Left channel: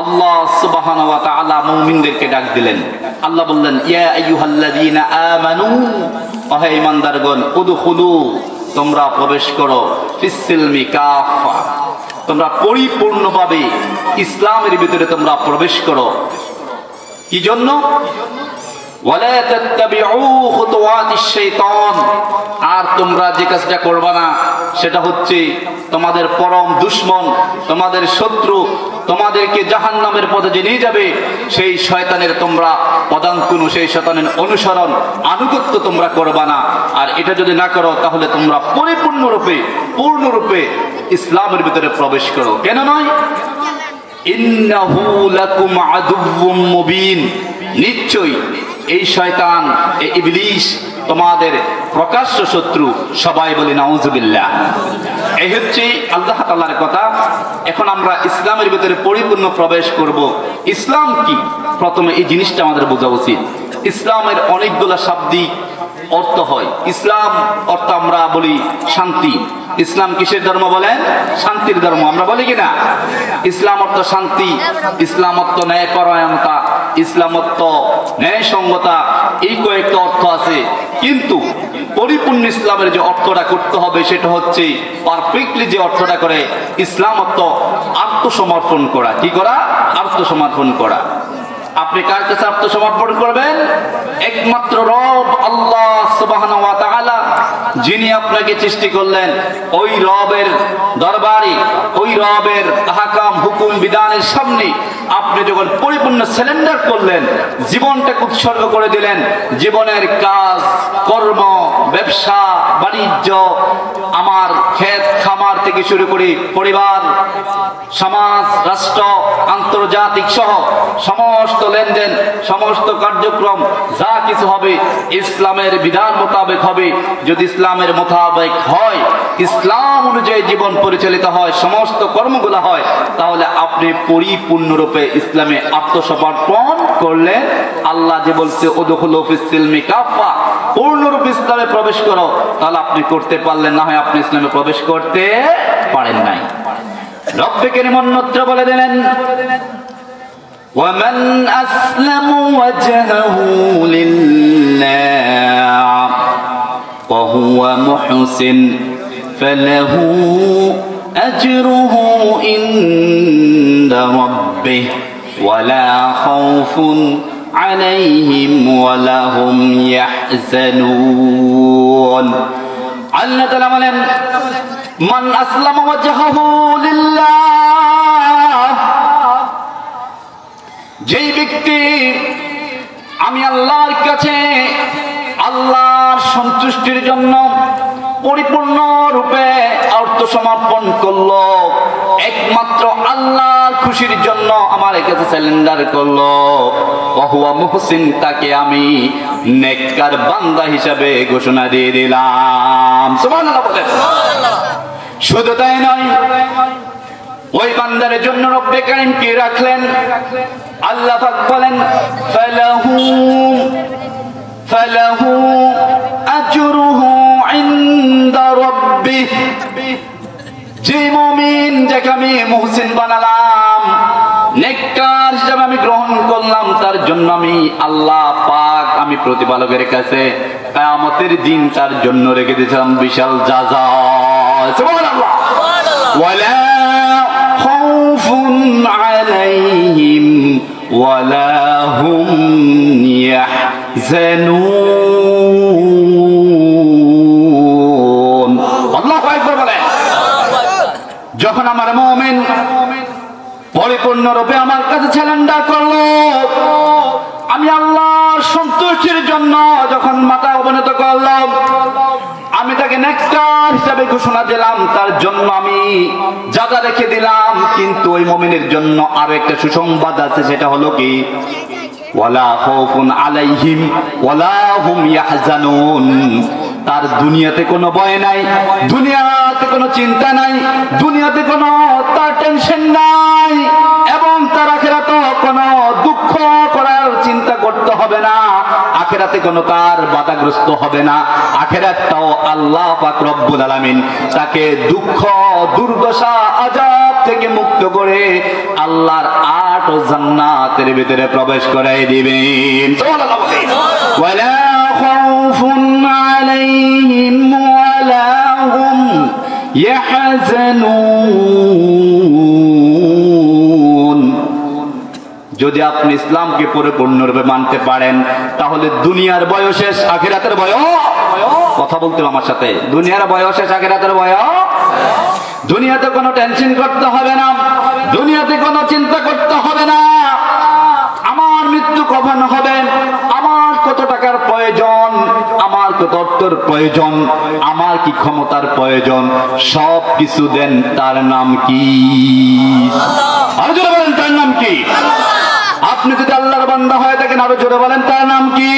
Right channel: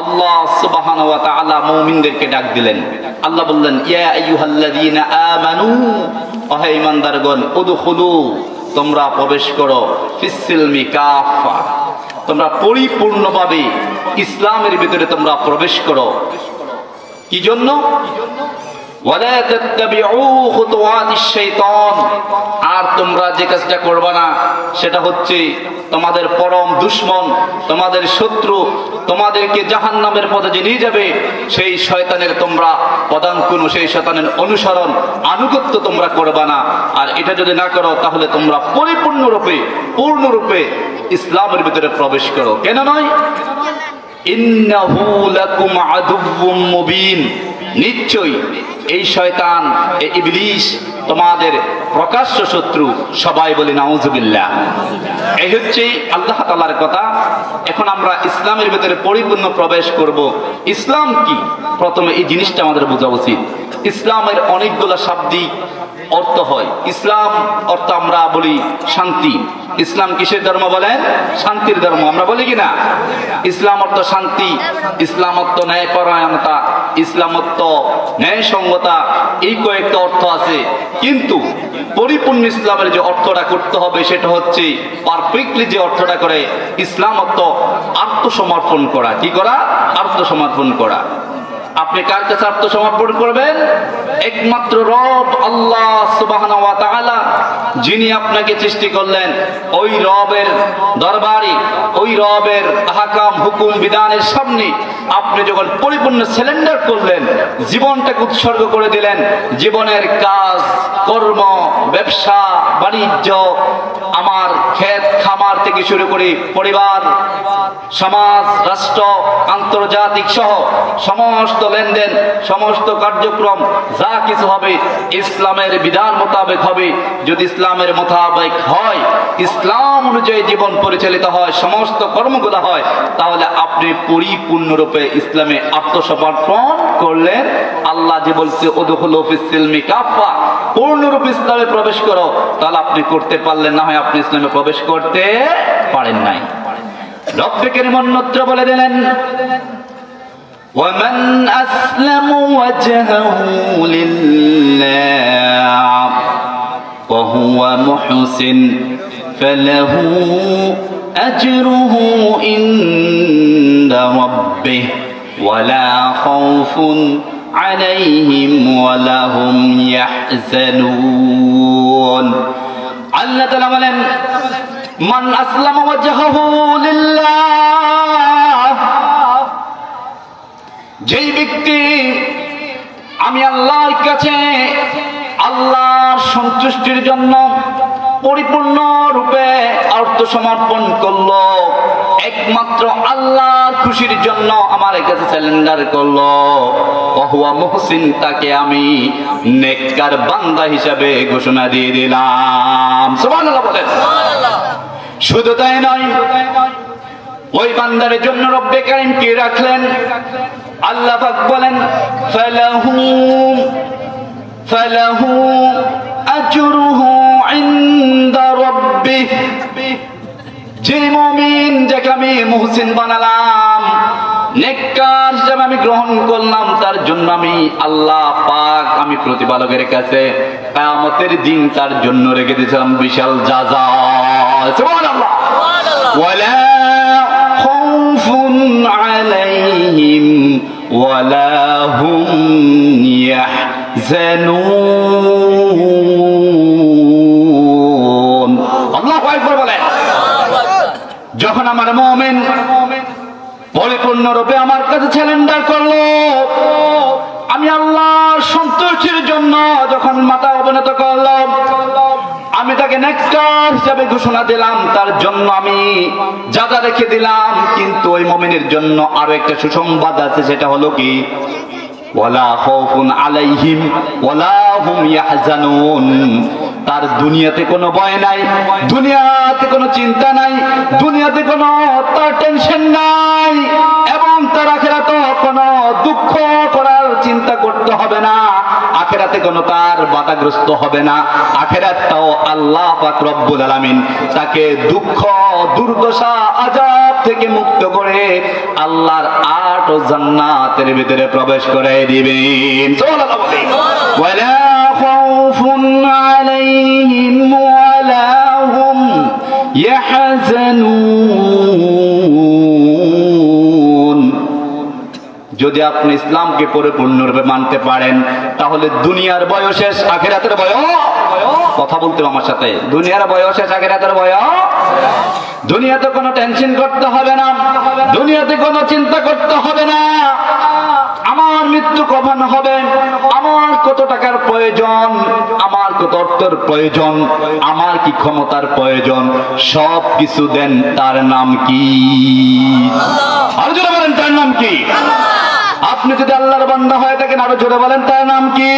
আল্লাহ সুবহানাহু ওয়া তাআলা মুমিনদেরকে ডাক দিলেন। আল্লাহ বললেন, ইয়া আইয়ুহাল্লাযীনা আমানু, ওহে ঈমানদারগণ, উদখুলু, তোমরা প্রবেশ করো, ফিস-সিলমি কাফা, তোমরা পরিপূর্ণভাবে ইসলামের ভিতরে তোমরা প্রবেশ করো। কি জন্য? ওয়ালা তাত্তাবিউ খুতুওয়াতিশ শাইতান, আর তোমরা যে কাজটা করবে না সেটা হচ্ছে তোমাদের পরম দুশমন, তোমাদের শত্রু, তোমাদেরকে জাহান্নামের পথে যে নিয়ে যাবে সেই শয়তানের তোমরা পদাঙ্কুন, সেই শয়তানের অনুসরণ আনুগত্য তোমরা করবে না। আর এটা যদি না করো তাহলে তোমরা পূর্ণরূপে ইসলামের ভিতরে প্রবেশ করো। কেন নয়? ইন্নাহু লাকুম আদুউম মুবিন, নিশ্চয়ই এই শয়তান, এই ইবলিস তোমাদের প্রকাশ্য শত্রু। সবাই বলি নাউজুবিল্লাহ। এই হচ্ছে আল্লাহ তাআলার কথা। এখন আমরা ইসলামের ভিতরে পরিপূর্ণ প্রবেশ করব। ইসলাম কি? প্রথমে এই জিনিসটা আমাদের বোঝা উচিত। ইসলামের অনেকগুলো শাব্দিক অর্থ হয়। ইসলাম অর্থ আমরা বলি শান্তি। ইসলাম কিসের ধর্ম বলেন? শান্তির ধর্ম। আমরা বলি কিনা? ইসলাম অর্থ শান্তি, ইসলাম অর্থ ন্যায়পরায়ণতা, ইসলাম অর্থ ন্যায়সঙ্গতা, এই কয়েকটা অর্থ আছে। কিন্তু পরিপূর্ণ ইসলামের যে অর্থটা করতে হবে সেটা হচ্ছে পারফেক্টলি যে অর্থটা করে ইসলাম অর্থ আত্মসমর্পণ করা। কি করা? আত্মসমর্পণ করা। আপনি কার কাছে আত্মসমর্পণ করবেন? একমাত্র রব আল্লাহ সুবহানাহু ওয়া তাআলা, যিনি আপনাকে সৃষ্টি করলেন। ওই রবের দরবারে, ওই রবের আহকাম হুকুম বিধানের সামনে আপনি যখন পরিপূর্ণ সারেন্ডার করলেন, জীবনটাকে উৎসর্গ করে দিলেন, জীবনের কাজ কর্ম, ব্যবসা বাণিজ্য, আমার ক্ষেত খামার থেকে শুরু করে পরিবার, সমাজ, রাষ্ট্র, আন্তর্জাতিক সহ সমস্ত লেনদেন, সমস্ত কার্যক্রম যা কিছু হবে ইসলামের বিধান মোতাবেক হবে। যদি ইসলামের মোতাবেক হয়, ইসলাম অনুযায়ী জীবন পরিচালিত হয়, সমস্ত কর্মগুলো হয়, তাহলে আপনি পরিপূর্ণরূপে ইসলামে আত্মসমর্পণ করলেন। আল্লাহ যে বলছে উদখুলু ফিস-সিলমি কাফা, পূর্ণরূপে ইসলামে প্রবেশ করো, তাহলে আপনি করতে পারলেন না, হয় আপনি ইসলামে প্রবেশ করতে পারেন নাই। রব্বে কারীম অন্যত্র বলে দিলেন, وَمَنْ أَسْلَمَ وَجْهَهُ لِلَّهِ وَهُوَ مُحْسِنٌ فَلَهُ أَجْرُهُ عِندَ رَبِّهِ وَلَا خَوْفٌ عَلَيْهِمْ وَلَا هُمْ يَحْزَنُونَ। আল্লাহ তাআলা বলেন, মান আসলামা ওয়াজহাহু লিল্লাহ, যেই ব্যক্তি আমি আল্লাহর কাছে আল্লাহর সন্তুষ্টির জন্য পরিপূর্ণ রূপে আত্মসমর্পণ করলো, একমাত্র আল্লাহর খুশির জন্য আমার কাছে সারেন্ডার করলো, ওহুয়া মুহসিন, তাকে আমি নেককার বান্দা হিসাবে ঘোষণা দিয়ে দিলাম। সুবহানাল্লাহ বলেন। সুবহানাল্লাহ। শুধু তাই নয়, ওই বান্দার জন্য রব্বে কারীম কি রাখলেন? আল্লাহ পাক বলেন, ফালাহু আজরুহু ইনদা রাব্বিহ, যে মুমিন যাকে আমি মুহসিন বানালাম, নেককার হিসেবে আমি গ্রহণ করলাম, তার জন্য আমি আল্লাহ পাক, আমি প্রতিপালকের কাছে কিয়ামতের দিন তার জন্য রেখে দিয়েছিলাম বিশাল জাযা। সুবহানাল্লাহ। ওয়ালা খাউফুন আলাইহিম ওয়ালা হুম ইয়াহজানুন। আল্লাহু আকবার বলেন। যখন আমার মুমিন পরিপূর্ণরূপে আমার কাছে সারেন্ডার করলো, আমি আল্লাহর সন্তুষ্টির জন্য যখন মাথা অবনত করলাম, আমি তাকে নেককার হিসেবে ঘোষণা দিলাম, তার জন্য আমি জাযা রেখে দিলাম। কিন্তু ওই মুমিনের জন্য আরো একটা সুসংবাদ আছে, সেটা হলো কি? ওয়ালা খাউফুন আলাইহিম ওয়ালা হুম ইয়াহজানুন, তার দুনিয়াতে কোনো ভয় নাই, দুনিয়াতে কোনো চিন্তা নাই, দুনিয়াতে কোনো তার টেনশন নাই, এবং তার আখিরাতে কোনো দুঃখ করার চিন্তা করতে হবে না, আখিরাতে কোনো তার বাধাগ্রস্ত হবে না। আখিরাতটাও আল্লাহ পাক রব্বুল আলামিন তাকে দুঃখ, দুর্দশা, আযাব থেকে মুক্ত করে আল্লাহর 8 ও জান্নাতের ভিতরে প্রবেশ করাই দিবেন। ওয়ালা খাউফুন আলাইহিম ওয়ালা হুম ইয়াহজানুন। যদি আপনি ইসলামকে পরিপূর্ণরূপে মানতে পারেন তাহলে দুনিয়ার বয়স শেষ, আখিরাতের বয়স। কথা বলতে আমার সাথে, দুনিয়ার বয়স শেষ, আখিরাতের বয়স। দুনিয়াতে কোনো টেনশন করতে হবে না, দুনিয়াতে কোনো চিন্তা করতে হবে না আমার মৃত্যু কখন হবে, আমার কত টাকার প্রয়োজন, আমার কত অর্থের প্রয়োজন, আমার কি ক্ষমতার প্রয়োজন, সব কিছু দেন। তার নাম কি? আল্লাহ। আরো জোরে বলেন তার নাম কি? আপনি যদি আল্লাহর বান্দা হয়ে থাকেন আরো জোরে বলেন তার নাম কি?